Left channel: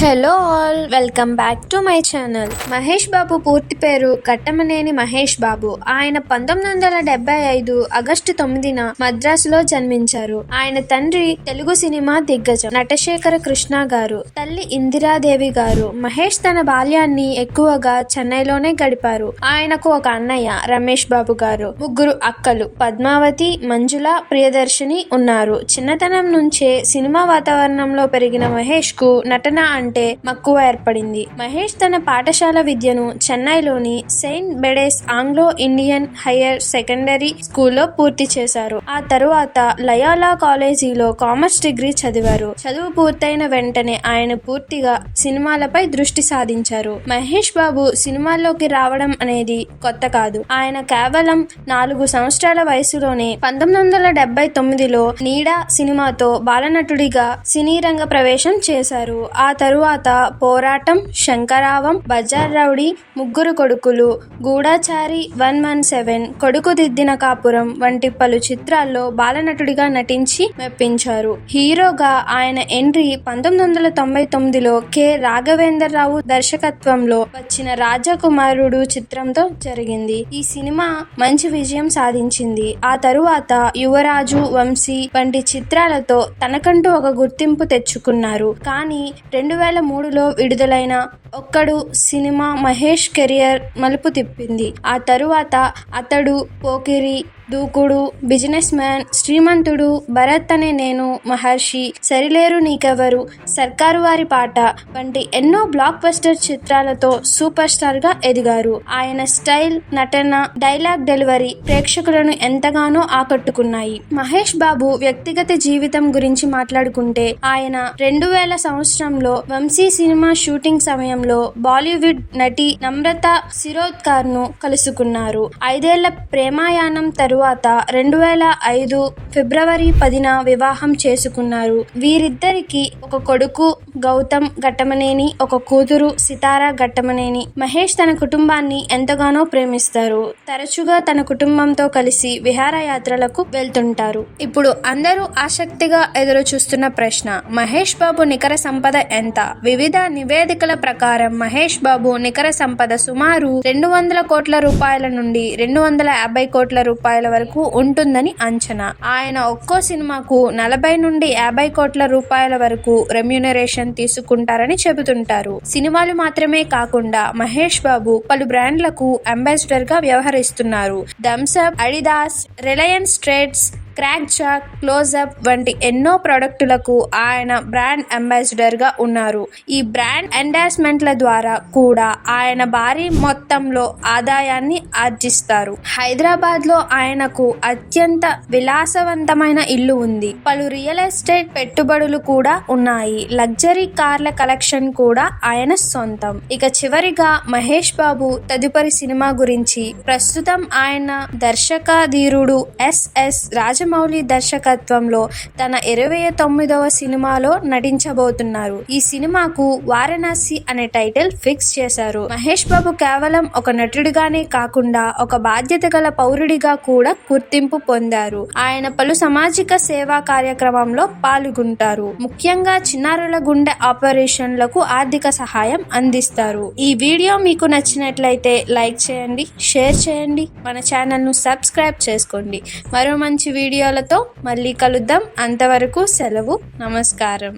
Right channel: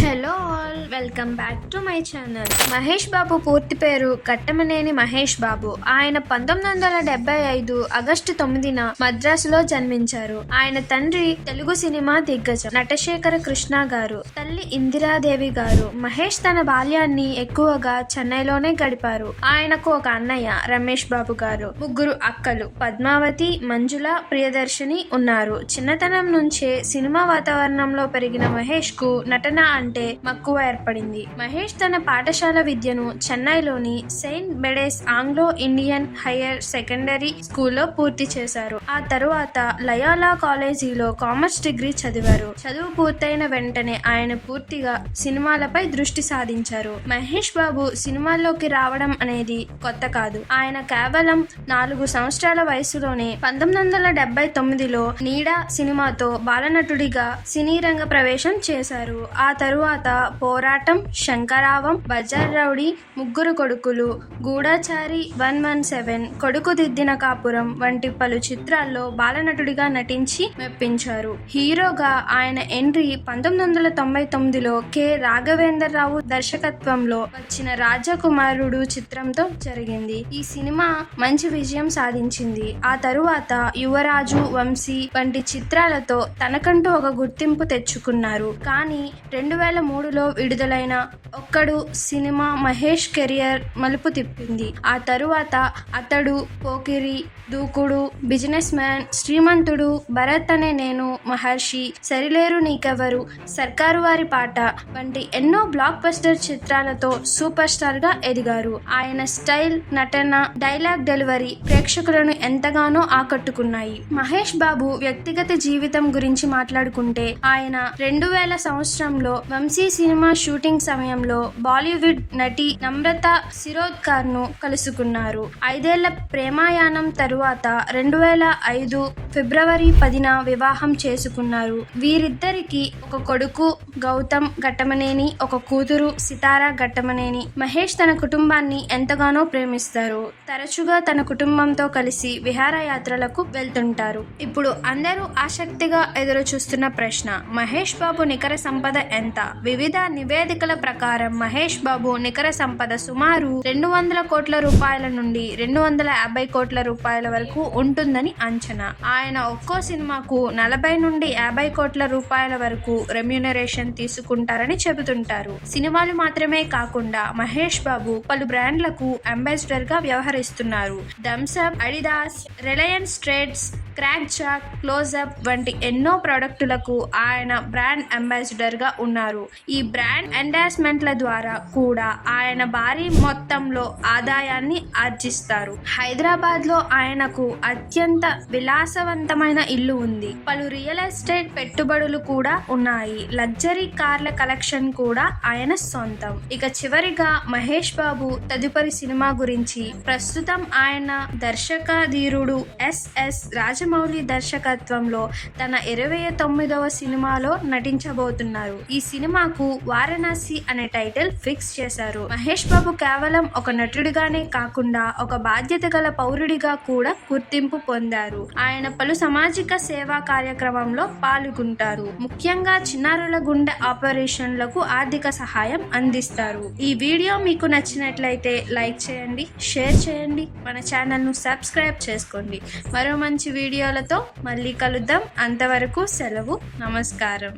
Hello all, welcome back to my channel. Mahesh Babu పూర్తి పేరు ఘట్టమనేని మహేష్ బాబు. ఆయన 1975 ఆగస్టు 9న మద్రాసులో జన్మించారు. ఆయన తండ్రి తెలుగు సినిమా దిగ్గజం నటశేఖర కృష్ణ గారు, తల్లి ఇందిరాదేవి గారు. మహేష్ తన బాల్యాన్ని ఎక్కువగా చెన్నైలోనే గడిపారు. ఆయనకు ఒక అన్నయ్య రమేష్ బాబు గారు, ముగ్గురు అక్కలు పద్మావతి, మంజుల, ప్రియదర్శిని ఉన్నారు. చిన్నతనం నుంచే సినిమా వాతావరణంలో పెరిగిన మహేష్ కు నటన అంటే మక్కువ ఏర్పడింది. మహేష్ తన పాఠశాల విద్యను చెన్నైలోని Saint Bede's Anglo Indian higher secondary స్కూల్లో పూర్తి చేశారు. ఆ తరువాత లయోలా కాలేజీలో కామర్స్ డిగ్రీ చదివారు. చదువు పూర్తయిన వెంటనే ఆయన పూర్తిగా సినిమాలపై దృష్టి సాధించారు. మహేష్ బాబు సినిమాల్లోకి రావడం అనేది కొత్త కాదు. ఆయన కేవలం 4 సంవత్సరాల వయసులోనే 1979లో నీడ సినిమాతో బాలనటుడిగా సినీ రంగ ప్రవేశం చేశారు. ఆ తరువాత పోరాటం, శంకరావం, బజార్ రౌడీ, ముగ్గురు కొడుకులు, గూఢచారి 117, కొడుకు దిద్దిన కాపురం వంటి పలు చిత్రాల్లో బాలనటుడిగా నటించి మెప్పించారు. హీరోగా ఆయన ఎంట్రీ 1999లో కె రాఘవేంద్రరావు దర్శకత్వంలో వచ్చిన రాజకుమారుడు చిత్రంతో జరిగింది. ఈ సినిమా మంచి విజయం సాధించింది. ఆ తరువాత యువరాజు, వంశీ వంటి చిత్రాలతో తనకంటూ ఒక గుర్తింపు తెచ్చుకున్నారు. కానీ 2003లో విడుదలైన ఒక్కడు సినిమా మహేష్ కెరియర్ మలుపు తిప్పింది. ఆ తరువాత అతడు, పోకిరి, దూకుడు, బిజినెస్ మ్యాన్, శ్రీమంతుడు, భరత్ అనే నేను, మహర్షి, సరిలేరు నీకెవరు, సర్కారు వారి పాట వంటి ఎన్నో బ్లాక్ బస్టర్ చిత్రాలతో సూపర్ స్టార్ గా ఎదిగారు. ఆయన స్టైల్, నటన, డైలాగ్ డెలివరీ ప్రేక్షకులను ఎంతగానో ఆకట్టుకున్నాయి. మహేష్ బాబు వ్యక్తిగత జీవితం గురించి మాట్లాడుకుంటే ఆయన 2000 సంవత్సరంలో వంశీ సినిమా షూటింగ్ సమయంలో బాలీవుడ్ నటి నమ్రత శిరోద్కర్ ను కలుసుకున్నారు. 5 ఏళ్ల ప్రేమాయాణం తరువాత 2005 ఫిబ్రవరి 10న వివాహం చేసుకున్నారు. వీరిద్దరికి ఒక కొడుకు గౌతమ్ ఘట్టమనేని, ఒక కూతురు సితారా ఘట్టమనేని. మహేష్ తన కుటుంబాన్ని ఎంతగానో ప్రేమిస్తారు. తరచుగా తన కుటుంబంతో కలిసి విహారయాత్రలకు వెళ్తుంటారు. ఇప్పుడు అందరూ ఆసక్తిగా ఎదురు చూస్తున్న ప్రశ్న, మహేష్ బాబు నికర సంపద ఎంత? వివిధ నివేదికల ప్రకారం మహేష్ బాబు నికర సంపద సుమారు 200 కోట్ల రూపాయల నుండి 250 కోట్ల రూపాయల వరకు ఉంటుందని అంచనా. ఆయన ఒక్కో సినిమాకు 40 నుండి 50 కోట్ల రూపాయల వరకు రెమ్యూనరేషన్ తీసుకుంటారని చెబుతుంటారు. సినిమాలు మాత్రమే కాకుండా మహేష్ బాబు పలు బ్రాండ్లకు అంబాసిడర్ గా వ్యవహరిస్తున్నారు. Thums Up, Adidas, Reliance Trends, Krackjack, Closeup వంటి ఎన్నో ప్రొడక్టులకు ఆయన బ్రాండ్ అంబాసిడర్ గా ఉన్నారు. ఈ బ్రాండ్ ఎండార్స్మెంట్ల ద్వారా కూడా ఆయన భారీ మొత్తంలో ఆదాయాన్ని ఆర్జిస్తారు. హైదరాబాద్ లో ఆయనకు అత్యంత విలాసవంతమైన ఇల్లు ఉంది. పలు రియల్ ఎస్టేట్ పెట్టుబడులు కూడా ఉన్నాయి. లగ్జరీ కార్ల కలెక్షన్ కూడా ఆయన సొంతం. ఇక చివరిగా మహేష్ బాబు తదుపరి సినిమా గురించి, ప్రస్తుతం ఆయన దర్శకాధీరుడు ఎస్ రాజమౌళి దర్శకత్వంలో తన 29వ సినిమాలో నటించబోతున్నారు. ఈ సినిమాకు వారణాసి అనే టైటిల్ ఫిక్స్ చేశారు. మహేష్ బాబు కేవలం ఒక నటుడిగానే కాకుండా ఒక బాధ్యత గల పౌరుడిగా కూడా గుర్తింపు పొందారు. ఆయన పలు సామాజిక సేవా కార్యక్రమంలో పాల్గొంటారు. ముఖ్యంగా చిన్నారుల గుండె ఆపరేషన్లకు ఆర్థిక సహాయం అందిస్తారు. ఈ వీడియో మీకు నచ్చినట్లయితే లైక్ చేయండి, షేర్ చేయండి, మన ఛానల్ ను సబ్స్క్రైబ్ చేసుకోండి. మరో మంచి వీడియోలతో మళ్ళీ కలుద్దాం. అంతవరకు సెలవు, నమస్కారం.